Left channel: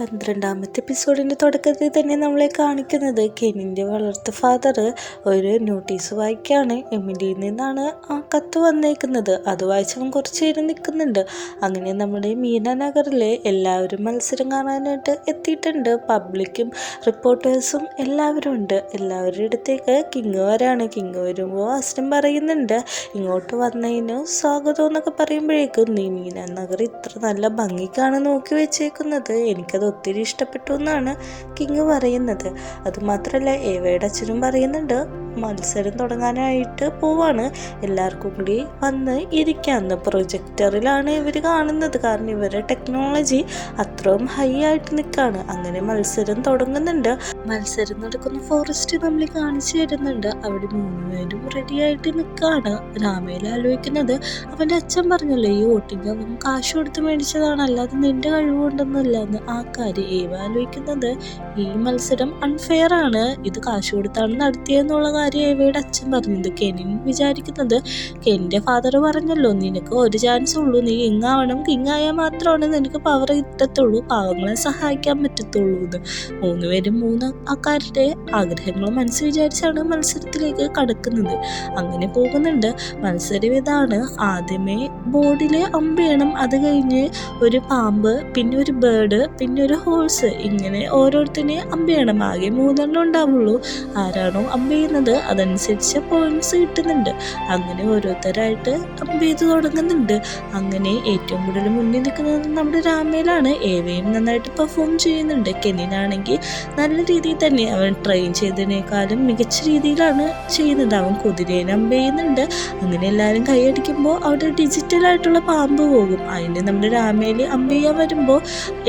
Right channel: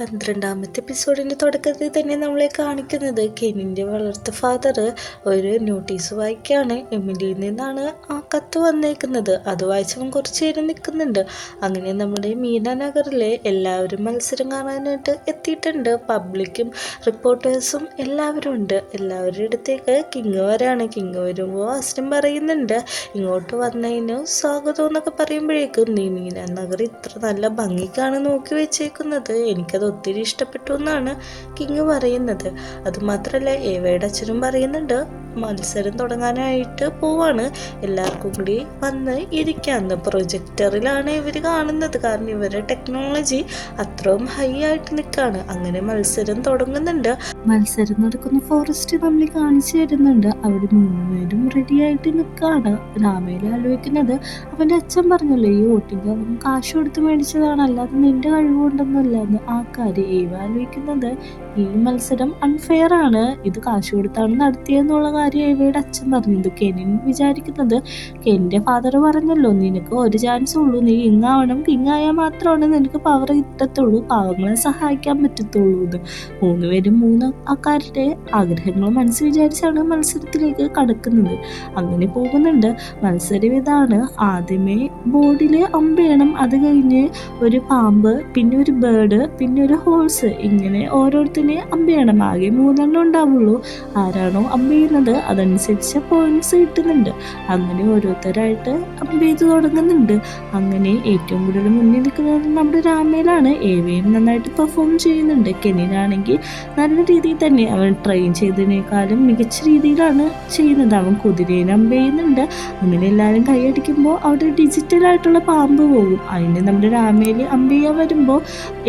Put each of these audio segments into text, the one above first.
12ാമത്തെ എപ്പിസോഡിൻ്റെ തുടക്കത്തിൽ തന്നെ നമ്മളെ കാണിക്കുന്നത് കെനിൻ്റെ വളർത്ത ഫാദർ ഒരു നോട്ടീസ് വായിക്കുകയാണ്. എമിലിയിൽ നിന്നാണ് ആ കത്ത് വന്നേക്കുന്നത്. അത് വായിച്ചവൻ കുറച്ച് നേരം നിൽക്കുന്നുണ്ട്. അങ്ങനെ നമ്മുടെ മീന നഗറിലെ എല്ലാവരും മത്സരം കാണാനായിട്ട് എത്തിയിട്ടുണ്ട്. പബ്ലിക്കും റിപ്പോർട്ടേഴ്സും എല്ലാവരും ഉണ്ട്. എല്ലാവരുടെ അടുത്തേക്ക് കിങ് വരാണ്. കിങ് വരുമ്പോൾ അസ്ലം പറയുന്നുണ്ട്, ഇങ്ങോട്ട് വന്നതിന് സ്വാഗതം എന്നൊക്കെ പറയുമ്പോഴേക്കും നീ മീന നഗർ ഇത്ര നല്ല ഭംഗിക്കാണ് നോക്കി വെച്ചേക്കുന്നത്, എനിക്കത് ഒത്തിരി ഇഷ്ടപ്പെട്ടു എന്നാണ് കിങ് പറയുന്നത്. അതുമാത്രമല്ല ഏവയുടെ അച്ഛനും പറയുന്നുണ്ട് മത്സരം തുടങ്ങാനായിട്ട് പോവാണ്, എല്ലാവർക്കും കൂടി വന്ന് ഇരിക്കാന്ന്. പ്രൊജക്ടറിലാണ് ഇവർ കാണുന്നത്, കാരണം ഇവരുടെ ടെക്നോളജി അത്രയും ഹൈ ആയിട്ട് നിൽക്കുകയാണ്. അങ്ങനെ മത്സരം തുടങ്ങുന്നുണ്ട്. മത്സരം നടക്കുന്ന ഫോറസ്റ്റ് നമ്മൾ കാണിച്ചു തരുന്നുണ്ട്. അവിടെ 3 പേരും റെഡി ആയിട്ട് നിൽക്കുകയാണ്. രാമേൽ ആലോചിക്കുന്നത്, അവൻ്റെ അച്ഛൻ പറഞ്ഞല്ലോ ഈ വോട്ടിങ് അവൻ കാശ് കൊടുത്ത് മേടിച്ചതാണ്, അല്ലാതെ നിന്റെ കഴിവുകൊണ്ടൊന്നല്ല എന്ന്. ആ കാര്യം ഏവ ആലോചിക്കുന്നത്, ഈ മത്സരം അൺഫെയർ ആണ്, ഇത് കാശ് കൊടുത്താണ് നടത്തിയെന്നുള്ള കാര്യം ഏവയുടെ അച്ഛൻ പറഞ്ഞത്. കെനിൻ വിചാരിക്കുന്നത്, കെനിൻ്റെ ഫാദർ പറഞ്ഞല്ലോ നിനക്ക് ഒരു ചാൻസ് ഉള്ളൂ, നീ കിങ് ആവണം, കിങ് ആയാൽ മാത്രമാണ് നിനക്ക് പവർ കിട്ടത്തുള്ളൂ, പാവങ്ങളെ സഹായിക്കാൻ പറ്റത്തുള്ളൂ എന്ന്. 3 പേരും 3 ആൾക്കാരുടെ ആഗ്രഹങ്ങൾ മനസ്സിൽ വിചാരിച്ചാണ് മത്സരത്തിലേക്ക് കടക്കുന്നത്. അങ്ങനെ പോകുന്നുണ്ട്. മത്സരം ഇതാണ്, ആദ്യമേ ബോർഡിൽ അമ്പെയ്യണം, അത് കഴിഞ്ഞ് ഒരു പാമ്പ്, പിന്നെ ഒരു ബേർഡ്, പിന്നെ ഒരു ഹോഴ്സ്, ഇങ്ങനെ ഓരോരുത്തരെ അമ്പെയ്യണം. ആകെ 3 എണ്ണം ഉണ്ടാവുള്ളൂ. ആരാണോ അമ്പെയ്യുന്നത് അതനുസരിച്ച് പോയിന്റ്സ് കിട്ടുന്നുണ്ട്. അങ്ങനെ ഓരോരുത്തരായിട്ട് അമ്പെയ്ത് തുടങ്ങുന്നുണ്ട്. അങ്ങനെ ഏറ്റവും കൂടുതൽ മുന്നിൽ നിൽക്കുന്നത് നമ്മുടെ രാമയിലാണ്. ഏവയും നന്നായിട്ട് പെർഫോം ചെയ്യുന്നുണ്ട്. കെനിനാണെങ്കിൽ നല്ല രീതിയിൽ തന്നെ അവൻ ട്രെയിൻ ചെയ്തതിനേക്കാളും മികച്ച രീതിയിലാണ് ചെയ്യുന്നത്. അവൻ കുതിരേനെ അമ്പെയ്യുന്നുണ്ട്. അങ്ങനെ എല്ലാവരും കൈയടിക്കുമ്പോൾ അവിടെ ഡിജിറ്റലായിട്ടുള്ള പാമ്പ് പോകും. അതിന് നമ്മുടെ രാമയിൽ അമ്പെയ്യാൻ വരുമ്പോൾ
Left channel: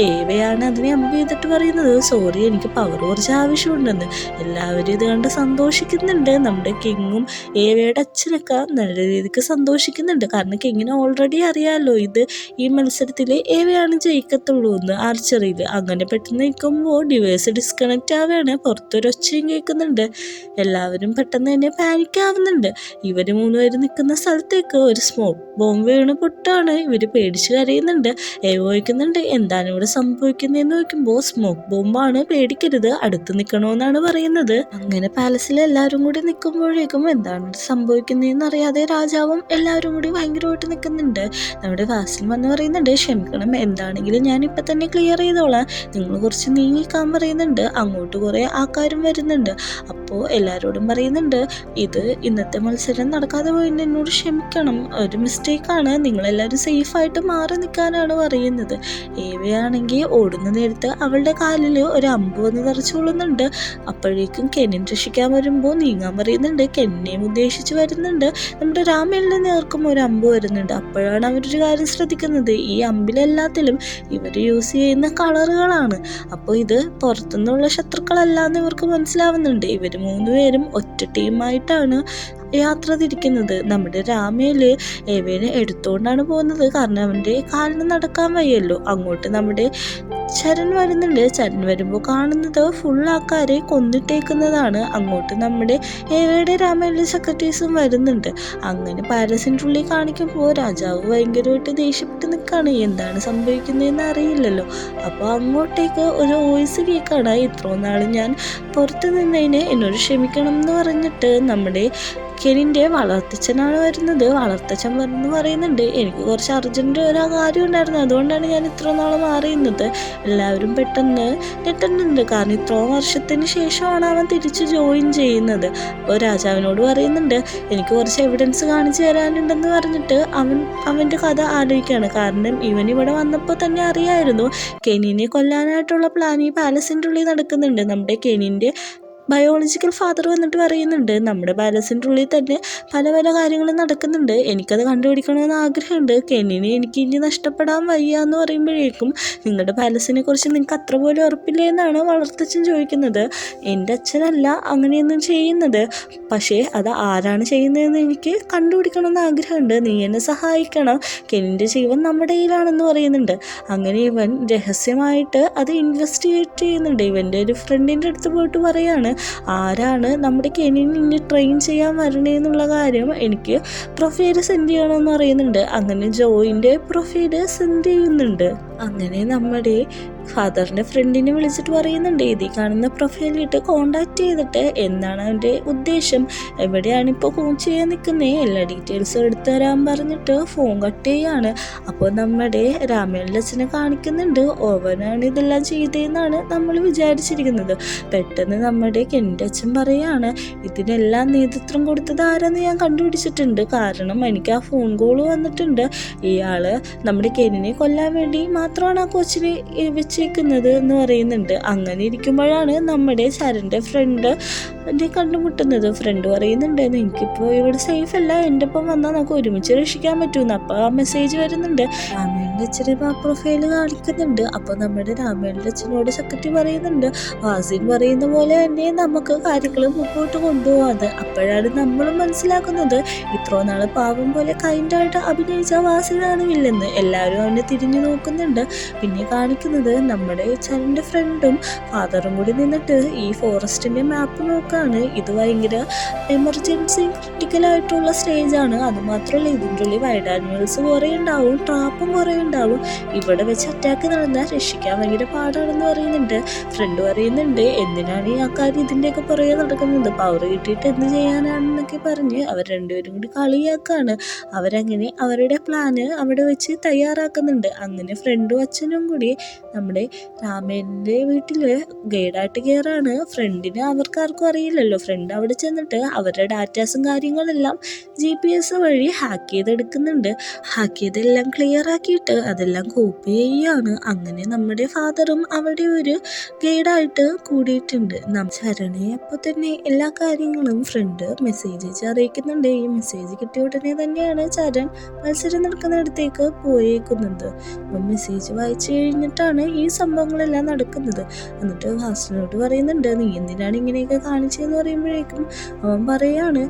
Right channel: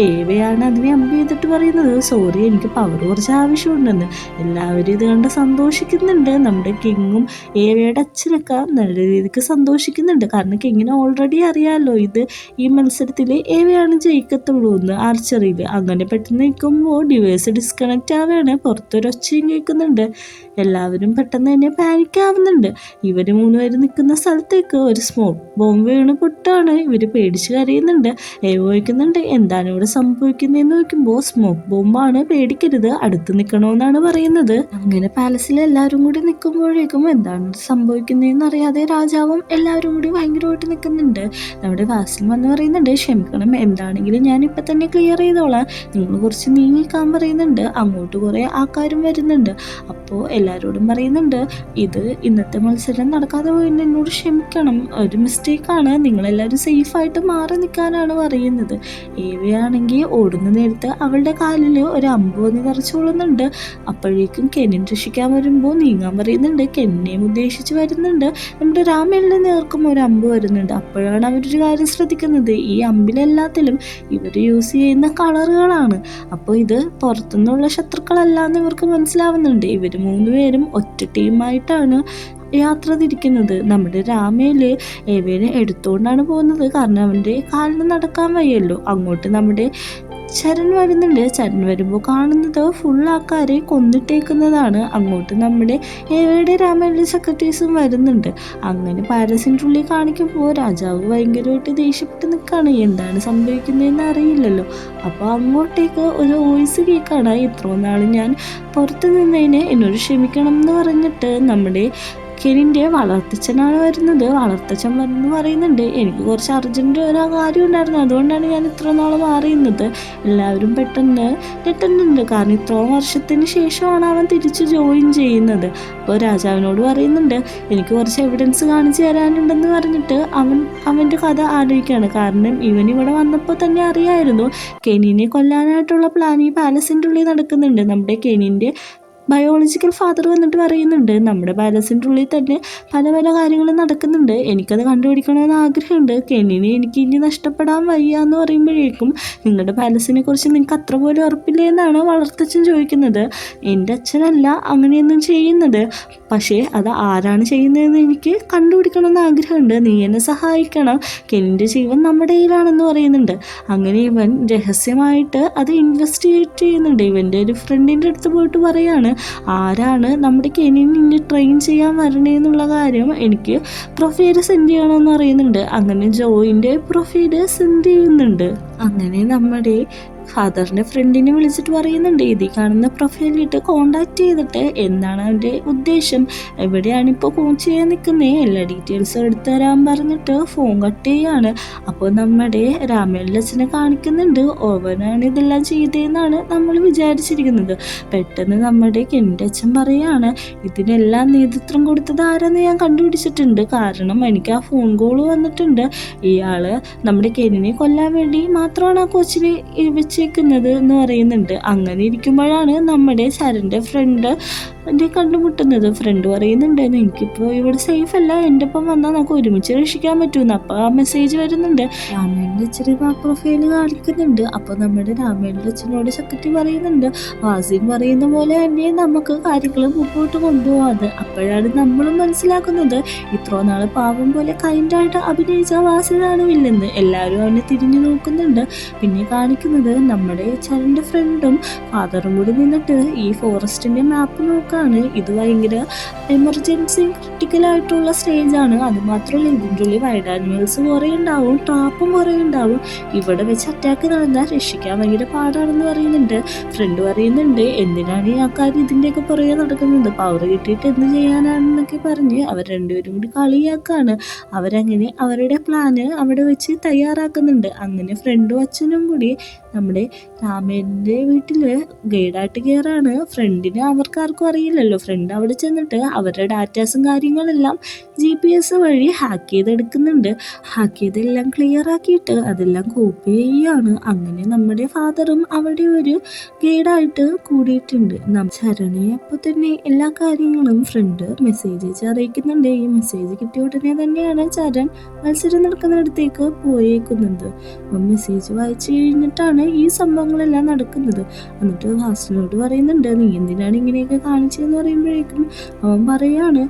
ഏവയാണ് അതിനെ അമ്പ് ചെയ്തിട്ട് പറയുന്നത്, സോറി എനിക്ക് പവർ കുറച്ച് ആവശ്യമുണ്ടെന്ന്. എല്ലാവരും ഇത് കണ്ട് സന്തോഷിക്കുന്നുണ്ട്. നമ്മുടെ കിങ്ങും ഏവയുടെ അച്ഛനൊക്കെ നല്ല രീതിക്ക് സന്തോഷിക്കുന്നുണ്ട്. കാരണം കിങ്ങിന് ഓൾറെഡി അറിയാമല്ലോ ഇത് ഈ മത്സരത്തിൽ ഏവയാണ് ജയിക്കത്തുള്ളൂ എന്ന് ആർച്ചറിയിൽ. അങ്ങനെ പെട്ടെന്ന് നിൽക്കുമ്പോൾ ഡിവൈസ് ഡിസ്കണക്റ്റ് ആവുകയാണ്. പുറത്തൊരൊച്ചയും കേൾക്കുന്നുണ്ട്. എല്ലാവരും പെട്ടെന്ന് തന്നെ പാനിക്കാവുന്നുണ്ട്. ഇവർ 3 പേര് നിൽക്കുന്ന സ്ഥലത്തേക്ക് ഒരു സ്മോക്ക് ബോംബ് വീണ് പൊട്ടാണ്. ഇവർ പേടിച്ച് കരയുന്നുണ്ട്. ഏവ ചോദിക്കുന്നുണ്ട് എന്താണ് ഇവിടെ സംഭവിക്കുന്നതെന്ന് നോക്കുമ്പോൾ സ്മോക്ക് ബോംബാണ്, പേടിക്കരുത്, അടുത്ത് നിൽക്കണമെന്നാണ് പറയുന്നത്. അങ്ങനെ പാലസിൽ എല്ലാവരും കൂടി നിൽക്കുമ്പോഴേക്കും എന്താണ് സംഭവിക്കുന്നതെന്ന് അറിയാതെ രാജാവും എല്ലാവരും കൂടി ഭയങ്കരമായിട്ട് നിൽക്കുന്നുണ്ട്. നമ്മുടെ വാസിൽ വന്ന് പറയുന്നുണ്ട്, ക്ഷമിക്കണം, എന്താണെങ്കിലും ഞാൻ ഇപ്പം തന്നെ ക്ലിയർ ചെയ്തോളാം, നിങ്ങൾ കുറച്ച് നീങ്ങിക്കാൻ പറയുന്നുണ്ട്. അങ്ങോട്ട് കുറേ ആൾക്കാരും വരുന്നുണ്ട്. അപ്പോൾ എല്ലാവരോടും പറയുന്നുണ്ട്, ഇത് ഇന്നത്തെ മത്സരം നടക്കാതെ പോയിട്ട് എന്നോട് ക്ഷമിക്കണം, ഒരു മിസ്റ്റേക്കാണ്, നിങ്ങളെല്ലാവരും സേഫായിട്ട് മാറി നിൽക്കാനാണ് പറയുന്നത്. ഏവയാണെങ്കിൽ ഓടുന്ന നേരത്ത് അവളുടെ കാലിൽ ഒരു അമ്പ് വന്ന് തറച്ചുകൊള്ളുന്നുണ്ട്. അപ്പോഴേക്കും കെനിൻ രക്ഷിക്കാൻ വരുമ്പോൾ നീങ്ങാൻ പറയുന്നുണ്ട്. കെന്നിനെയും ഉദ്ദേശിച്ച് വരുന്നുണ്ട്. നമ്മുടെ രാമേലിൻ്റെ നേർക്കും ഒരു അമ്പ് വരുന്നുണ്ട്. അപ്പോഴാണ് അവരൊരു കാര്യം ശ്രദ്ധിക്കുന്നത്, ഈ അമ്പിലെല്ലാത്തിലും ഇവർ യൂസ് ചെയ്യുന്ന കളറുകളാണ്. അപ്പോൾ ഇത് പുറത്തുനിന്നുള്ള ശത്രുക്കളല്ലാന്ന് ഇവർക്ക് മനസ്സിലാവുന്നുണ്ട്. ഇവർ 3 പേരും ഒറ്റ ടീമായിട്ടാണ് യാത്ര തിരിക്കുന്നത്. നമ്മുടെ രാമയിൽ ഏവേനെ എടുത്തുകൊണ്ടാണ് പോകുന്നത്, കാരണം അവൻ്റെ കാലിന് നടക്കാൻ വയ്യല്ലോ. അങ്ങോട്ട് നമ്മുടെ ചരൺ വരുന്നുണ്ട്. ചരൺ വരുമ്പോൾ കാണുന്നത് ഫുൾ ആൾക്കാരെ കൊന്നിട്ടേക്കുന്നതാണ്. അങ്ങോട്ട് നമ്മുടെ ഏവയുടെ രാമയിലെ സെക്രട്ടറീസും വരുന്നുണ്ട്. അങ്ങനെ പാലസിൻ്റെ ഉള്ളിൽ കാണിക്കുമ്പോൾ രാജാവ് ഭയങ്കരമായിട്ട് ദേഷ്യപ്പെട്ട് നിൽക്കുകയാണ്. എന്താണ് സംഭവിക്കുന്നതെന്ന് അറിയില്ലല്ലോ. അപ്പോൾ അങ്ങോട്ടേക്ക് ഒരു വോയിസ് കേൾക്കാണ്, ഇത്രയും നാൾ ഞാൻ പുറത്ത് നിന്നതിന് എന്നോട് ക്ഷമിക്കണം എന്ന് പറഞ്ഞിട്ട് നമ്മുടെ കെനിൻ്റെ വളർത്തച്ഛനാണ് വരുന്നത്. വളർത്തച്ഛൻ വന്ന് പറയുന്നുണ്ട്, എനിക്ക് കുറച്ച് അർജൻറ്റ് ഒരു കാര്യം ഉണ്ടായിരുന്നു, അതുകൊണ്ടാണ് ഞാൻ ഇത്ര നാൾ മാറിയുന്നത്. എല്ലാവരും പെട്ടെന്ന് ഞെട്ടുന്നുണ്ട്, കാരണം ഇത്രയും വർഷത്തിന് ശേഷമാണ് അവൻ തിരിച്ച് ജോയിൻ ചെയ്യുന്നത്. അപ്പോൾ രാജാവിനോട് പറയുന്നുണ്ട്, എനിക്ക് കുറച്ച് എവിഡൻസ് കാണിച്ചു തരാനുണ്ടെന്ന് പറഞ്ഞിട്ട് അവൻ്റെ കഥ ആലോചിക്കുകയാണ്. കാരണം ഇവൻ ഇവിടെ വന്നപ്പോൾ തന്നെ അറിയായിരുന്നു കെനിനെ കൊല്ലാനായിട്ടുള്ള പ്ലാൻ ഈ പാലസിൻ്റെ ഉള്ളിൽ നടക്കുന്നുണ്ട്. നമ്മുടെ കെനിൻ്റെ ബയോളജിക്കൽ ഫാദർ വന്നിട്ട് പറയുന്നുണ്ട്, നമ്മുടെ പാലസിൻ്റെ ഉള്ളിൽ തന്നെ പല പല കാര്യങ്ങളും നടക്കുന്നുണ്ട്, എനിക്കത് കണ്ടുപിടിക്കണമെന്ന് ആഗ്രഹമുണ്ട്, കെന്നിനെ എനിക്ക് ഇനി നഷ്ടപ്പെടാൻ വയ്യ എന്ന് പറയുമ്പോഴേക്കും നിങ്ങളുടെ പാലസിനെ കുറിച്ച് നിങ്ങൾക്ക് അത്ര പോലും ഉറപ്പില്ല എന്നാണ് വളർത്തച്ഛൻ ചോദിക്കുന്നത്. എൻ്റെ അച്ഛനല്ല അങ്ങനെയൊന്നും ചെയ്യുന്നത്, പക്ഷേ അത് ആരാണ് ചെയ്യുന്നതെന്ന് എനിക്ക് കണ്ടുപിടിക്കണമെന്ന് ആഗ്രഹമുണ്ട്, നീ എന്നെ സഹായിക്കണം, കെന്നിൻ്റെ ജീവൻ നമ്മുടെ കയ്യിലാണെന്ന് പറയുന്നുണ്ട്. അങ്ങനെ ഇവൻ രഹസ്യമായിട്ട് അത് ഇൻവെസ്റ്റിഗേറ്റ് ചെയ്യുന്നുണ്ട്. ഇവൻ്റെ ഒരു ഫ്രണ്ടിൻ്റെ അടുത്ത് പോയിട്ട് പറയാണ്, ആരാണ് നമ്മുടെ കെനിനെ ഇനി ട്രെയിൻ ചെയ്യാൻ വരണേന്നുള്ള കാര്യം എനിക്ക് പ്രൊഫൈൽ സെൻഡ് ചെയ്യണമെന്ന് പറയുന്നുണ്ട്. അങ്ങനെ ജോയിൻ്റെ പ്രൊഫൈൽ സെൻഡ് ചെയ്യുന്നുണ്ട്. അങ്ങനെ നമ്മുടെ ഫാദറിൻ്റെ ഫ്രണ്ടിനെ വിളിച്ചിട്ട് പറയുന്നുണ്ട് ഇതിൽ കാണുന്ന പ്രൊഫൈലിട്ട് കോണ്ടാക്ട് ചെയ്തിട്ട് എന്താണ് അവൻ്റെ ഉദ്ദേശം, എവിടെയാണ് ഇപ്പോൾ ഫോൺ ചെയ്യാൻ നിൽക്കുന്നത്, എല്ലാ ഡീറ്റെയിൽസും എടുത്തു തരാൻ പറഞ്ഞിട്ട് ഫോൺ കട്ട് ചെയ്യാണ്. അപ്പോൾ നമ്മുടെ രാമേന്ദ്രൻ്റെ അച്ഛനെ കാണിക്കുന്നുണ്ട്, ഓവനാണ് ഇതെല്ലാം ചെയ്തതെന്നാണ് നമ്മൾ വിചാരിച്ചിരിക്കുന്നത്. പെട്ടെന്ന് നമ്മുടെ കെൻ്റെ അച്ഛൻ പറയാണ് ഇതിനെല്ലാം നേതൃത്വം കൊടുത്തത് ആരാന്ന് ഞാൻ കണ്ടുപിടിച്ചിട്ടുണ്ട്, കാരണം എനിക്ക് ആ ഫോൺ കോൾ വന്നിട്ടുണ്ട്, ഇയാൾ നമ്മുടെ കെനിനെ കൊല്ലാൻ വേണ്ടി മാത്രമാണ് ആ കൊച്ചിനെ വെച്ചേക്കുന്നത് എന്ന് പറയുന്നുണ്ട്. അങ്ങനെ ഇരിക്കുമ്പോഴാണ് നമ്മുടെ ചരൻ്റെ ഫ്രണ്ട് കണ്ടുമുട്ടുന്നത്. ഫ്രണ്ട് പറയുന്നുണ്ട് എനിക്കിപ്പോൾ ഇവിടെ സേഫ് അല്ല, എൻ്റെ ഒപ്പം വന്നാൽ നമുക്ക് ഒരുമിച്ച് രക്ഷിക്കാൻ പറ്റുമെന്ന്. അപ്പോൾ ആ മെസ്സേജ് വരുന്നുണ്ട്. രാമേന്ദ്രൻ്റെ അച്ഛനെ ആ പ്രൊഫൈല് കാണിക്കുന്നുണ്ട്. അപ്പോൾ നമ്മുടെ രാമേന്ദ്രൻ്റെ അച്ഛനോട് സെക്രട്ടറി പറയുന്നുണ്ട് വാസിൻ പറയുന്ന പോലെ തന്നെ നമുക്ക് കാര്യങ്ങൾ മുമ്പോട്ട് കൊണ്ടുപോകാതെ. അപ്പോഴാണ് നമ്മൾ മനസ്സിലാക്കുന്നത് ഇത്ര നാൾ പാവം പോലെ കൈൻഡായിട്ട് അഭിനയിച്ച വാസിനാണ് വില്ലെന്ന്. എല്ലാവരും അവനെ തിരിഞ്ഞു നോക്കുന്നുണ്ട്. പിന്നെ കാണിക്കുന്നത് നമ്മുടെ ചരൻ്റെ ഫ്രണ്ടും ഫാദറും കൂടി നിന്നിട്ട് ഈ ഫോറസ്റ്റിൻ്റെ മാപ്പ് നോക്കുകയാണ്. ഇത് ഭയങ്കര എമർജൻസി ക്രിട്ടിക്കലായിട്ടുള്ള സ്റ്റേജാണ്. അതുമാത്രമല്ല ഇതിൻ്റെ ഉള്ളിൽ വൈൽഡ് ആനിമൽസ് കുറേ ഉണ്ടാവും, ട്രാപ്പും കുറേ ഉണ്ടാവും. ഇവിടെ വെച്ച് അറ്റാക്ക് നടന്നാൽ രക്ഷിക്കാൻ ഭയങ്കര പാടാണെന്ന് പറയുന്നുണ്ട്. ഫ്രണ്ട് പറയുന്നുണ്ട് എന്തിനാണ് ഈ ആൾക്കാർ ഇതിൻ്റെയൊക്കെ പുറകെ നടക്കുന്നത്, പവർ കിട്ടിയിട്ട് എന്ത് ചെയ്യാനാണെന്നൊക്കെ പറഞ്ഞ് അവർ രണ്ടുപേരും കൂടി കളിയാക്കാണ്. അവരങ്ങനെ അവരുടെ പ്ലാന് അവിടെ വെച്ച് തയ്യാറാക്കുന്നുണ്ട്. അങ്ങനെ ഫ്രണ്ടും അച്ഛനും കൂടി നമ്മുടെ രാമേന്ദ്രൻ്റെ വീട്ടിൽ ഗൈഡായിട്ട് കയറാണ്. ഫ്രണ്ടിന് അവർക്കാർക്കും അറിയില്ലല്ലോ. ഫ്രണ്ട് അവിടെ ചെന്നിട്ട് അവരുടെ ഡാറ്റാസും കാര്യങ്ങളെല്ലാം GPS വഴി ഹാക്ക് ചെയ്തെടുക്കുന്നുണ്ട്. ഹാക്ക് ചെയ്തെല്ലാം ക്ലിയർ ആക്കിയിട്ട് അതെല്ലാം കോപ്പി ചെയ്യുകയാണ്. അങ്ങനെ നമ്മുടെ ഫാദറും അവിടെ ഒരു ഗൈഡായിട്ട് കൂടിയിട്ടുണ്ട്. ചരണെ അപ്പോൾ തന്നെ എല്ലാ കാര്യങ്ങളും ഫ്രണ്ട് മെസ്സേജ് അയച്ച് അറിയിക്കുന്നുണ്ട്. ഈ മെസ്സേജ് കിട്ടിയ ഉടനെ തന്നെയാണ് ചരൺ മത്സരം നടക്കുന്നിടത്തേക്ക് പോയേക്കുന്നത്. മെസ്സേജ് വായിച്ചു കഴിഞ്ഞിട്ടാണ് ഈ സംഭവങ്ങളെല്ലാം നടക്കുന്നത്. എന്നിട്ട് വാസനോട് പറയുന്നുണ്ട് നീ എന്തിനാണ് ഇങ്ങനെയൊക്കെ കാണിച്ചതെന്ന് പറയുമ്പോഴേക്കും അവൻ പറയാണ്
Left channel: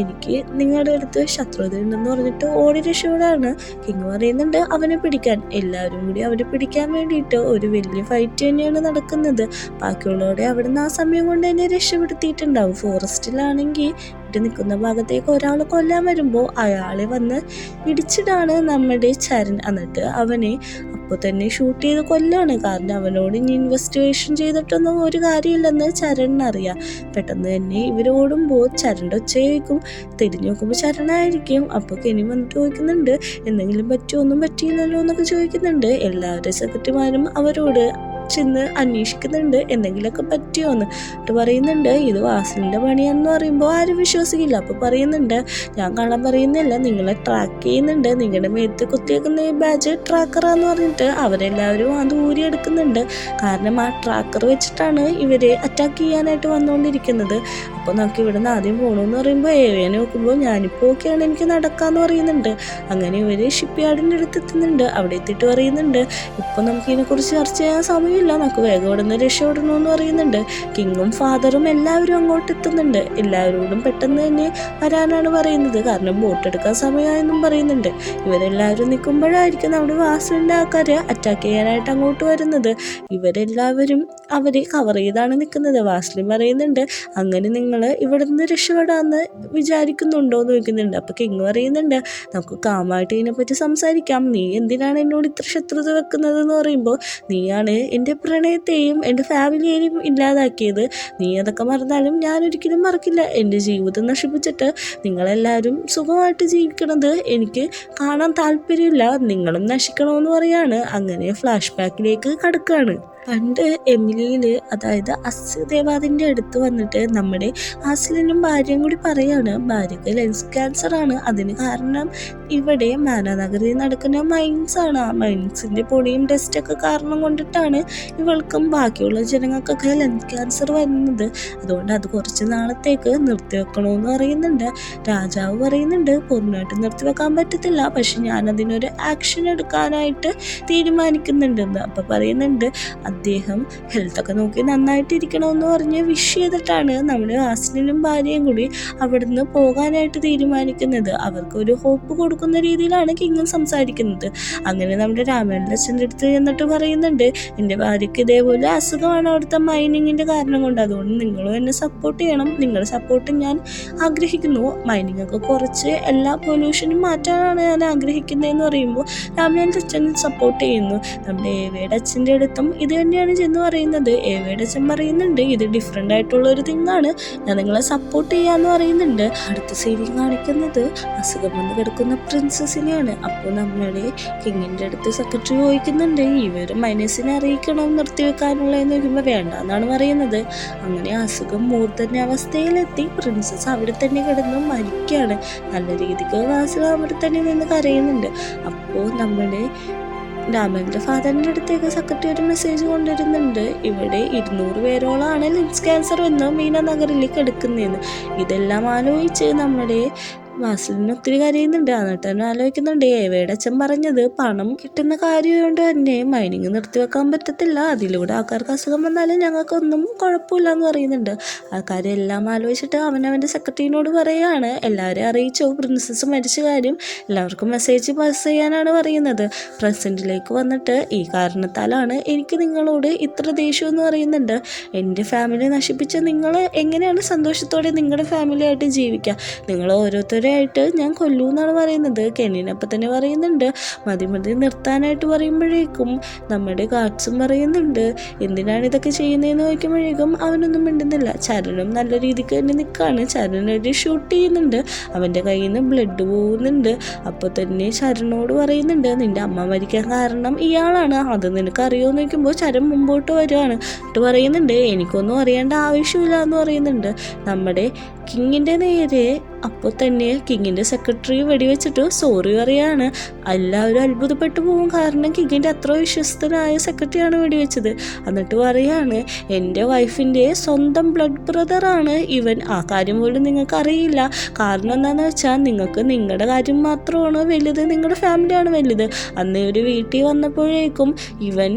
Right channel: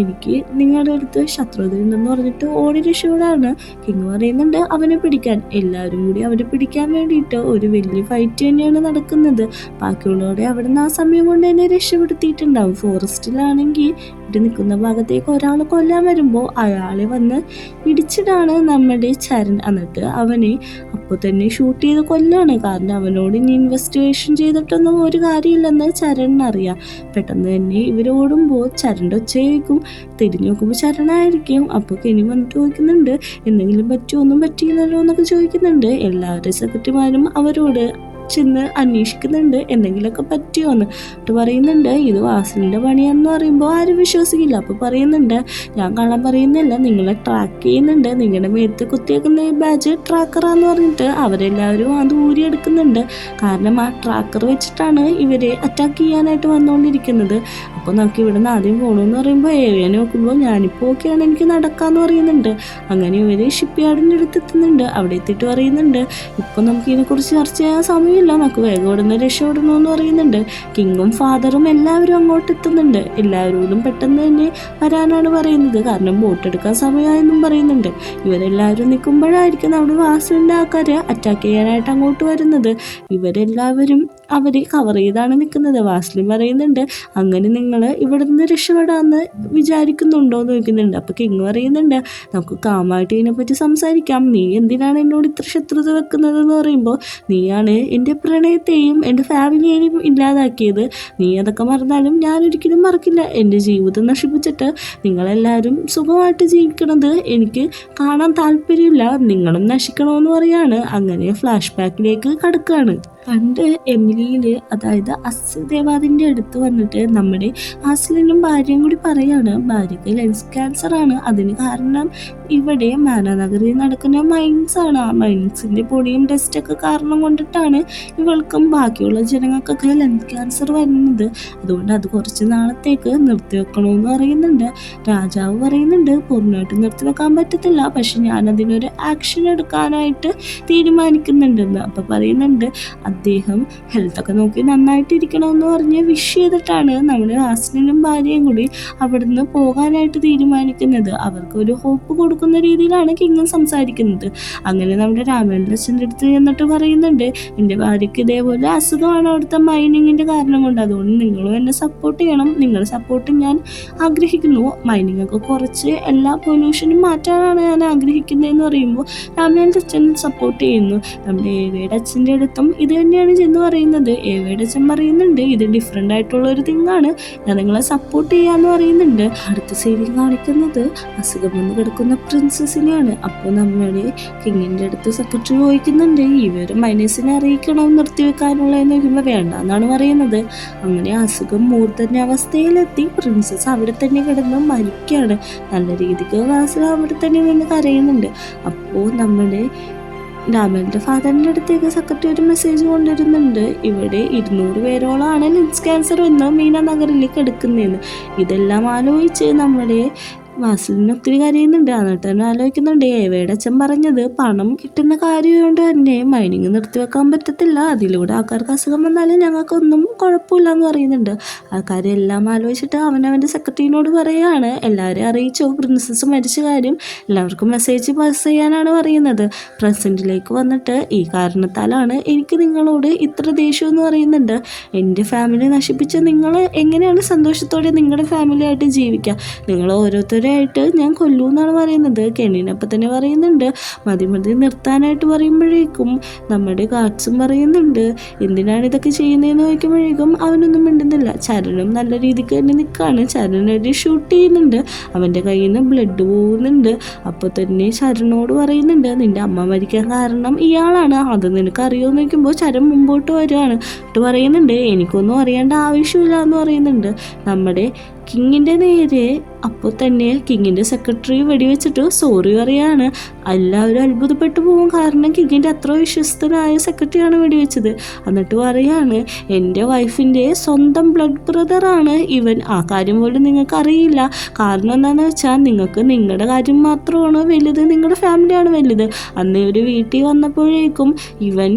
എനിക്ക് നിങ്ങളുടെ അടുത്ത് ശത്രുത ഉണ്ടെന്ന് പറഞ്ഞിട്ട് ഓടി രക്ഷപ്പെടാണ്. കിങ് പറയുന്നുണ്ട് അവനെ പിടിക്കാൻ. എല്ലാവരും കൂടി അവനെ പിടിക്കാൻ വേണ്ടിയിട്ട് ഒരു വലിയ ഫൈറ്റ് തന്നെയാണ് നടക്കുന്നത്. ബാക്കിയുള്ളവരെ അവിടുന്ന് ആ സമയം കൊണ്ട് തന്നെ രക്ഷപ്പെടുത്തിയിട്ടുണ്ടാവും. ഫോറസ്റ്റിലാണെങ്കിൽ ഇവിടെ നിൽക്കുന്ന ഭാഗത്തേക്ക് ഒരാൾ കൊല്ലാൻ വരുമ്പോൾ അയാളെ വന്ന് ഇടിച്ചിടാണ് നമ്മുടെ ചരൺ. എന്നിട്ട് അവനെ അപ്പോൾ തന്നെ ഷൂട്ട് ചെയ്ത് കൊല്ലാണ്. കാരണം അവനോട് ഇനി ഇൻവെസ്റ്റിഗേഷൻ ചെയ്തിട്ടൊന്നും ഒരു കാര്യമില്ലെന്ന് ചരണിനറിയാം. പെട്ടെന്ന് തന്നെ ഇവരോടുമ്പോൾ ചരണിൻ്റെ ഒച്ചയായിരിക്കും. തിരിഞ്ഞു നോക്കുമ്പോൾ ചരണായിരിക്കും. അപ്പോൾ കെനി വന്നിട്ട് ചോദിക്കുന്നുണ്ട് എന്തെങ്കിലും പറ്റുമോ, ഒന്നും പറ്റിയില്ലല്ലോ എന്നൊക്കെ ചോദിക്കുന്നുണ്ട്. എല്ലാവരും സെക്രട്ടറിമാരും അവരോട് ചെന്ന് അന്വേഷിക്കുന്നുണ്ട് എന്തെങ്കിലുമൊക്കെ പറ്റിയോന്ന്. എന്നിട്ട് പറയുന്നുണ്ട് ഇത് വാസലിൻ്റെ പണിയാണെന്ന് പറയുമ്പോൾ ആരും വിശ്വസിക്കില്ല. അപ്പോൾ പറയുന്നുണ്ട് ഞാൻ കാണാൻ പറയുന്നില്ല, നിങ്ങളെ ട്രാക്ക് ചെയ്യുന്നുണ്ട്, നിങ്ങളുടെ മേത്ത് കുത്തിയേക്കുന്ന ബാഡ്ജ് ട്രാക്കറാന്ന് പറഞ്ഞിട്ട് അവരെല്ലാവരും അത് ഊരിയെടുക്കുന്നുണ്ട്. കാരണം ആ ട്രാക്കർ വെച്ചിട്ടാണ് ഇവരെ അറ്റാക്ക് ചെയ്യാനായിട്ട് വന്നുകൊണ്ടിരിക്കുന്നത്. അപ്പോൾ നമുക്ക് ഇവിടെ നിന്ന് ആദ്യം പോകണമെന്ന് പറയുമ്പോൾ ഏറിയാൻ നോക്കുമ്പോൾ ഞാനിപ്പോൾ ഓക്കെയാണ്, എനിക്ക് നടക്കാമെന്ന് പറയുന്നുണ്ട്. അങ്ങനെ ഇവർ ഷിപ്പ് യാർഡിൻ്റെ അടുത്ത് എത്തുന്നുണ്ട്. അവിടെ എത്തിയിട്ട് പറയുന്നുണ്ട് ഇപ്പോൾ നമുക്ക് ഇതിനെക്കുറിച്ച് ചർച്ച ചെയ്യാൻ സമയം നമുക്ക് വേഗം ഇവിടുന്ന് രക്ഷപ്പെടണമെന്ന് പറയുന്നുണ്ട്. കിങ്ങും ഫാദറും എല്ലാവരും അങ്ങോട്ട് എത്തുന്നുണ്ട്. എല്ലാവരോടും പെട്ടെന്ന് തന്നെ വരാനാണ് പറയുന്നത്. കാരണം ബോട്ട് എടുക്കാൻ സമയമായെന്നും പറയുന്നുണ്ട്. ഇവരെല്ലാവരും നിൽക്കുമ്പോഴായിരിക്കും നമ്മുടെ വാസലിൻ്റെ ആൾക്കാരെ അറ്റാക്ക് ചെയ്യാനായിട്ട് അങ്ങോട്ട് വരുന്നത്. ഇവരെല്ലാവരും അവരെ കവർ ചെയ്താണ് നിൽക്കുന്നത്. വാസലിൻ പറയുന്നുണ്ട് അങ്ങനെ നിങ്ങൾ ഇവിടുന്ന് രക്ഷപ്പെടാമെന്ന് വിചാരിക്കുന്നുണ്ടോ എന്ന് ചോദിക്കുന്നുണ്ട്. അപ്പോൾ കിങ് പറയുന്നുണ്ട് നമുക്ക് കാമായിട്ട് ഇതിനെപ്പറ്റി സംസാരിക്കാം, നീ എന്തിനാണ് എന്നോട് ഇത്ര ശത്രുത വെക്കുന്നതെന്ന് പറയുമ്പോൾ നീയാണ് എൻ്റെ പ്രണയത്തെയും എൻ്റെ ഫാമിലിയെയും ഇല്ലാതാക്കിയത്, നീ അതൊക്കെ മറന്നാലും ഞാനൊരിക്കലും മറക്കില്ല. എൻ്റെ ജീവിതം നശിപ്പിച്ചിട്ട് നിങ്ങളെല്ലാവരും സുഖമായിട്ട് ജീവിക്കണത് എനിക്ക് കാണാൻ താല്പര്യമില്ല, നിങ്ങളും നശിക്കണമെന്ന് പറയാണ്. അങ്ങനെ ഫ്ലാഷ് ബാക്കിലേക്ക് കടക്കുകയാണ്. പണ്ട് എമിലിയിൽ അതായത് അസ്യദേവാദിൻ്റെ അടുത്ത് വന്നിട്ട് നമ്മുടെ ആസ്ലിനും ഭാര്യയും കൂടി പറയാണ് ഭാര്യയ്ക്ക് ലെൻസ് ക്യാൻസർ ആണ്, അതിന് കാരണം ഇവിടെ മാനാനഗറിൽ നടക്കുന്ന മൈൻസ് ആണ്. ആ മൈൻസിൻ്റെ പൊടിയും ഡസ്റ്റൊക്കെ കാരണം കൊണ്ടിട്ടാണ് ഇവൾക്കും ബാക്കിയുള്ള ജനങ്ങൾക്കൊക്കെ ലെൻസ് ക്യാൻസർ വരുന്നത്. അതുകൊണ്ട് അത് കുറച്ച് നാളത്തേക്ക് നിർത്തിവെക്കണമെന്ന് പറയുന്നുണ്ട്. രാജാവ് പറയുന്നുണ്ട് പൂർണ്ണമായിട്ട് നിർത്തിവെക്കാൻ പറ്റത്തില്ല, പക്ഷെ ഞാനതിനൊരു ആക്ഷൻ എടുക്കാനായിട്ട് തീരുമാനിക്കുന്നുണ്ടെന്ന്. അപ്പോൾ പറയുന്നുണ്ട് അദ്ദേഹം ഹെൽത്തൊക്കെ നോക്കി നന്നായിട്ടിരിക്കണമെന്ന് പറഞ്ഞ് വിഷ് ചെയ്തിട്ടാണ് നമ്മുടെ ആസ്ലിനും ഭാര്യയും കൂടി അവിടുന്ന് പോകാനായിട്ട് തീരുമാനിക്കുന്നത്. അവർക്കൊരു ഹോപ്പ് കൊടുക്കുന്ന രീതിയിലാണ് കിങ്ങും സംസാരിക്കുന്നത്. അങ്ങനെ നമ്മുടെ രാമേന്ദ്രൻ്റെ അച്ഛൻ്റെ അടുത്ത് ചെന്നിട്ട് പറയുന്നുണ്ട് എൻ്റെ ഭാര്യയ്ക്ക് ഇതേപോലെ അസുഖമാണ് അവിടുത്തെ മൈനിങ്ങിൻ്റെ കാരണം കൊണ്ട്, അതുകൊണ്ട് നിങ്ങളും എന്നെ സപ്പോർട്ട് ചെയ്യണം, നിങ്ങളുടെ സപ്പോർട്ട് ഞാൻ ആഗ്രഹിക്കുന്നു, മൈനിങ് ഒക്കെ കുറച്ച് എല്ലാ പൊല്യൂഷനും മാറ്റാനാണ് ഞാൻ ആഗ്രഹിക്കുന്നതെന്ന് പറയുമ്പോൾ രാമേന്ദ്രൻ്റെ അച്ഛൻ സപ്പോർട്ട് ചെയ്യുന്നു. നമ്മുടെ ഏവയുടെ അച്ഛൻ്റെ അടുത്തും ഇതേ തന്നെയാണ് ചെന്ന് പറയുന്നത്. ഏവയുടെ അച്ഛൻ പറയുന്നുണ്ട് ഇത് ഡിഫറെൻ്റ് ആയിട്ടുള്ള ഒരു തിങ്ങാണ്, ഞാൻ നിങ്ങളെ സപ്പോർട്ട് ചെയ്യാന്ന് പറയുന്നുണ്ട്. അടുത്ത സീനിൽ കാണിക്കുന്നത് അസുഖം വന്ന് കിടക്കുന്ന പ്രിൻസസിനെയാണ്. അപ്പോൾ നമ്മുടെ കിങ്ങിൻ്റെ അടുത്ത് സെക്രട്ടറി ചോദിക്കുന്നുണ്ട് ഇവർ മൈനസിനെ അറിയിക്കണം നിർത്തിവെക്കാനുള്ളതെന്ന് ചോദിക്കുമ്പോൾ വേണ്ടെന്നാണ് പറയുന്നത്. അങ്ങനെ അസുഖം മൂർധന്യ അവസ്ഥയിലെത്തി പ്രിൻസസ് അവിടെ തന്നെ കിടന്ന് മരിക്കുകയാണ്. നല്ല രീതിക്ക് വാസിൽ അവിടെ തന്നെ നിന്ന് കരയുന്നുണ്ട്. അപ്പോൾ നമ്മുടെ രാമേന്ദ്ര ഫാദറിൻ്റെ അടുത്തേക്ക് സെക്രട്ടറി ഒരു മെസ്സേജ് കൊണ്ടുവരുന്നുണ്ട്. ഇവിടെ 200 പേരോളാണ് ലെൻസ് ക്യാൻസർ വന്ന് മീന നഗറിലേക്ക് എടുക്കുന്നതെന്ന്. ഇതെല്ലാം ആലോചിച്ച് നമ്മുടെ വാസിലിന് ഒത്തിരി കരയുന്നുണ്ട്. എന്നിട്ട് തന്നെ ആലോചിക്കുന്നുണ്ട് ഏവയുടെ അച്ഛൻ പറഞ്ഞത് പണം കിട്ടുന്ന കാര്യം കൊണ്ട് തന്നെ മൈനിങ് നിർത്തിവെക്കാൻ പറ്റത്തില്ല, അതിലൂടെ ആൾക്കാർക്ക് അസുഖം വന്നാലും ഞങ്ങൾക്കൊന്നും കുഴപ്പമില്ല എന്ന് പറയുന്നുണ്ട്. ആൾക്കാരെ എല്ലാം ആലോചിച്ചിട്ട് അവനവൻ്റെ സെക്രട്ടറിനോട് പറയുകയാണ് എല്ലാവരെയും അറിയിച്ചു പ്രിൻസസ് മരിച്ച കാര്യം, എല്ലാവർക്കും മെസ്സേജ് പാസ് ചെയ്യാനാണ് പറയുന്നത്. പ്രസൻറ്റിലേക്ക് വന്നിട്ട് ഈ കാരണത്താലാണ് എനിക്ക് നിങ്ങളോട് ഇത്ര ദേഷ്യം എന്ന് പറയുന്നുണ്ട്. എൻ്റെ ഫാമിലി നശിപ്പിച്ച് നിങ്ങൾ എങ്ങനെയാണ് സന്തോഷത്തോടെ നിങ്ങളുടെ ഫാമിലിയായിട്ട് ജീവിക്കുക, നിങ്ങൾ ഓരോരുത്തരായിട്ട് ഞാൻ കൊല്ലൂ എന്നാണ് പറയുന്നത്. കെന്നിനപ്പം തന്നെ പറയുന്നുണ്ട് മതി നിർത്താനായിട്ട് പറയുമ്പോഴേക്കും നമ്മുടെ ഗാർഡ്സും പറയുന്നുണ്ട് എന്തിനാണ് ഇതൊക്കെ ചെയ്യുന്നതെന്ന് ചോദിക്കുമ്പോഴേക്കും അവനൊന്നും മിണ്ടുന്നില്ല. ചരനും നല്ല രീതിക്ക് തന്നെ നിൽക്കുകയാണ്. ചരനൊരു ഷൂട്ട് ചെയ്യുന്നുണ്ട്, അവൻ്റെ കയ്യിൽ നിന്ന് ബ്ലഡ് പോകുന്നുണ്ട്. അപ്പോൾ തന്നെ ചരനോട് പറയുന്നുണ്ട് നിൻ്റെ അമ്മ മരിക്കാൻ കാരണം ഇയാളാണ്, അത് നിനക്ക് അറിയുമെന്ന് ചോദിക്കുമ്പോൾ ചരൻ മുമ്പോട്ട് വരികയാണ്. എന്നിട്ട് പറയുന്നുണ്ട് എനിക്കൊന്നും അറിയേണ്ട ആവശ്യമില്ല എന്ന് പറയുന്നുണ്ട്. നമ്മുടെ കിങ്ങിൻ്റെ നേരെ അപ്പോൾ തന്നെ കിങ്ങിൻ്റെ സെക്രട്ടറി വെടിവെച്ചിട്ട് സോറി പറയാണ്. എല്ലാവരും അത്ഭുതപ്പെട്ടു പോകും, കാരണം കിങ്ങിൻ്റെ അത്ര വിശ്വസ്തനായ സെക്രട്ടറിയാണ് വെടിവെച്ചത്. എന്നിട്ട് പറയാണ് എൻ്റെ വൈഫിൻ്റെ സ്വന്തം ബ്ലഡ് ബ്രദറാണ് ഇവൻ, ആ കാര്യം പോലും നിങ്ങൾക്ക് അറിയില്ല. കാരണം എന്താണെന്ന് വെച്ചാൽ നിങ്ങൾക്ക് നിങ്ങളുടെ കാര്യം മാത്രമാണ് വലുത്, നിങ്ങളുടെ ഫാമിലിയാണ് വലുത്. അന്ന് ഒരു വീട്ടിൽ വന്നപ്പോഴേക്കും ഇവൻ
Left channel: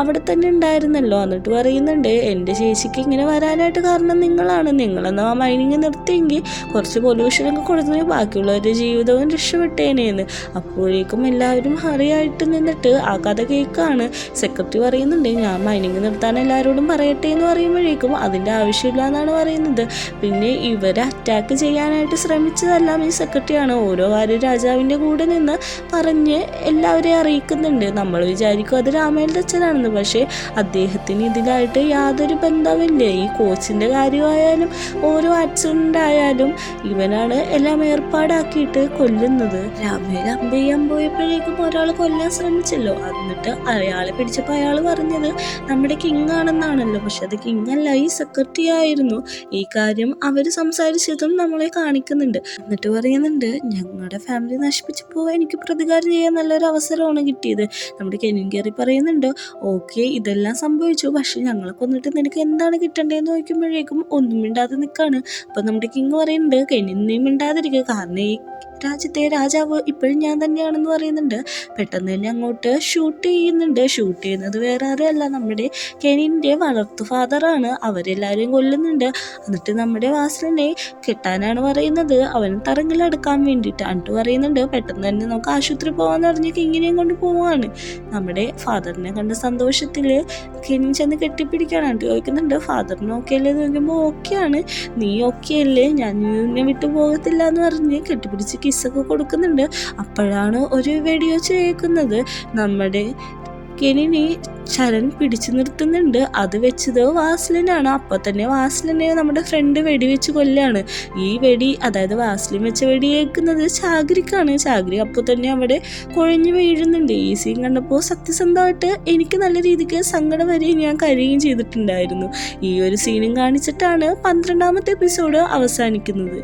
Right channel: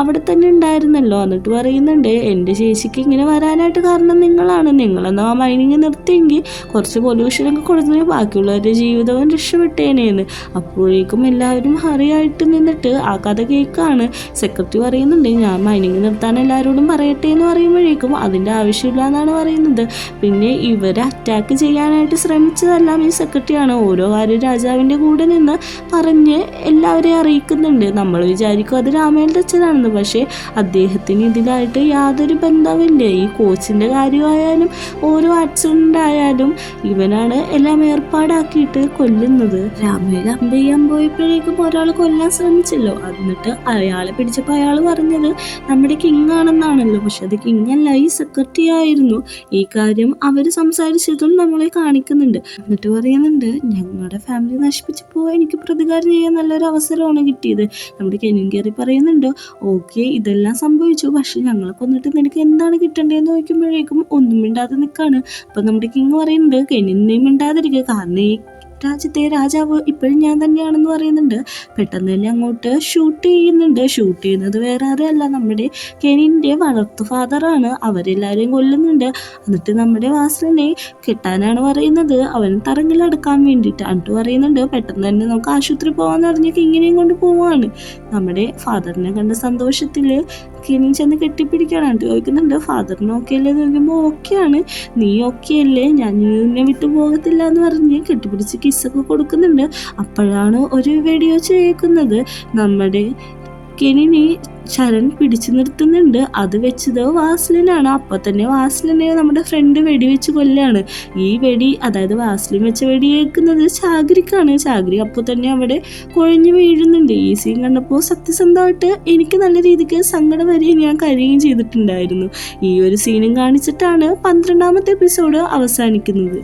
അവിടെ തന്നെ ഉണ്ടായിരുന്നല്ലോ. എന്നിട്ട് പറയുന്നുണ്ട് എൻ്റെ ചേച്ചിക്ക് ഇങ്ങനെ വരാനായിട്ട് കാരണം നിങ്ങളാണ്, നിങ്ങളെന്നാ മൈനിങ് നിർത്തിയെങ്കിൽ കുറച്ച് പൊല്യൂഷനൊക്കെ കൊടുത്തെങ്കിൽ ബാക്കിയുള്ളവരുടെ ജീവിതവും രക്ഷപ്പെട്ടേനേന്ന്. അപ്പോഴേക്കും എല്ലാവരും ഹറിയായിട്ട് നിന്നിട്ട് ആ കഥ കേൾക്കാണ്. സെക്രട്ടറി പറയുന്നുണ്ട് ഞാൻ മൈനിങ് നിർത്താൻ എല്ലാവരോടും പറയട്ടെ എന്ന് പറയുമ്പോഴേക്കും അതിൻ്റെ ആവശ്യമില്ല എന്നാണ് പറയുന്നത്. പിന്നെ ഇവരെ അറ്റാക്ക് ചെയ്യാനായിട്ട് ശ്രമിച്ചതെല്ലാം ഈ സെക്രട്ടറിയാണ്. ഓരോ കാര്യം രാജാവിൻ്റെ കൂടെ നിന്ന് പറഞ്ഞ് എല്ലാവരെയും അറിയിക്കുന്നുണ്ട്. നമ്മൾ വിചാരിക്കും അത് രാമേന്ദ്ര അച്ഛനാണ്, പക്ഷേ അദ്ദേഹത്തിന് ഇതിലായിട്ട് യാതൊരു ബന്ധവുമില്ല. ഈ കോച്ചിൻ്റെ കാര്യമായാലും ഓരോ ആക്സിഡൻ്റ് ആയാലും ഇവനാണ് എല്ലാം ഏർപ്പാടാക്കിയിട്ട് കൊല്ലുന്നത്. രാമേല അമ്പ ചെയ്യാൻ പോയപ്പോഴേക്കും ഒരാൾ കൊല്ലാൻ ശ്രമിച്ചല്ലോ, എന്നിട്ട് അയാളെ പിടിച്ചപ്പോൾ അയാൾ പറഞ്ഞത് നമ്മുടെ കിങ് ആണെന്നാണല്ലോ, പക്ഷെ അത് കിങ് അല്ല, ഈ സെക്രട്ടറി ആയിരുന്നു. ഈ കാര്യം അവർ സംസാരിച്ചതും നമ്മളെ കാണിക്കുന്നുണ്ട്. എന്നിട്ട് പറയുന്നുണ്ട് ഞങ്ങളുടെ ഫാമിലി നശിപ്പിച്ചപ്പോൾ എനിക്ക് പ്രതികാരം ചെയ്യാൻ നല്ലൊരു അവസരമാണ് കിട്ടിയത്. നമ്മുടെ കെനിൻ കയറി പറയുന്നുണ്ട് ഓക്കെ ഇതെല്ലാം സംഭവിച്ചു, പക്ഷെ ഞങ്ങളെ കൊന്നിട്ട് നിനക്ക് എന്താണ് കിട്ടേണ്ടതെന്ന് ചോദിക്കുമ്പോഴേക്കും ഒന്നും മിണ്ടാതെ നിൽക്കുകയാണ്. അപ്പം നമ്മുടെ കിങ് പറയുന്നുണ്ട് കെനിനെയും മിണ്ടാതിരിക്കുക, കാരണം ഈ രാജ്യത്തെ രാജാവ് ഇപ്പോഴും ഞാൻ തന്നെയാണെന്ന് പറയുന്നുണ്ട്. പെട്ടെന്ന് തന്നെ അങ്ങോട്ട് ഷൂട്ട് ചെയ്യുന്നുണ്ട്. ഷൂട്ട് ചെയ്യുന്നത് വേറെ ആരുമല്ല നമ്മുടെ കെനിൻ്റെ വളർത്തു ഫാദറാണ്. അവരെല്ലാവരെയും കൊല്ലുന്നുണ്ട്. എന്നിട്ട് നമ്മുടെ വാസിലിനെ കെട്ടാനാണ് പറയുന്നത്, അവൻ തറങ്കിലടക്കാൻ വേണ്ടിയിട്ട്. എന്നിട്ട് പറയുന്നുണ്ട് പെട്ടെന്ന് തന്നെ നമുക്ക് ആശുപത്രി പോകാമെന്ന് പറഞ്ഞ് കിങ്ങിനെയും കൊണ്ട് പോവാണ്. നമ്മുടെ ഫാദറിനെ കണ്ട സന്തോഷത്തിൽ കെനിൻ ചെന്ന് കെട്ടിപ്പിടിക്കുകയാണ്. എന്നിട്ട് ചോദിക്കുന്നുണ്ട് ഫാദറിന് ഓക്കെ അല്ലേ എന്ന് ചോദിക്കുമ്പോൾ ഓക്കെയാണ്, നീ ഓക്കെ അല്ലേ, ഞാൻ നിന്നെ വിട്ടു പോകത്തില്ല എന്ന് പറഞ്ഞ് കെട്ടിപ്പിടിച്ച് കിസ്സൊക്കെ കൊടുക്കുന്നുണ്ട്. അപ്പോഴാണ് ഒരു വീഡിയോ കേൾക്കുന്നത്. നമ്മുടെ കെനിനെ ശരൺ പിടിച്ചു നിർത്തുന്നുണ്ട്. അത് വെച്ചത് വാസ്ലിനാണ്. അപ്പോൾ തന്നെ വാസ്ലിനെ നമ്മുടെ ഫ്രണ്ട് വെടിവെച്ച് കൊല്ലാണ്. ഈ വെടി അതായത് വാസ്ലിൻ വെച്ച വെടി കേൾക്കുന്നത് ചാഗ്രിക്കാണ്. ചാഗ്രി അപ്പോൾ തന്നെ അവിടെ കുഴഞ്ഞു വീഴുന്നുണ്ട്. ഈ സീൻ കണ്ടപ്പോൾ സത്യസന്ധമായിട്ട് എനിക്ക് നല്ല രീതിക്ക് സങ്കടം വരെ ഞാൻ കരയുകയും ചെയ്തിട്ടുണ്ടായിരുന്നു. ഈ ഒരു സീനും കാണിച്ചിട്ടാണ് 12ാമത്തെ എപ്പിസോഡ് അവസാനിക്കുന്നത്.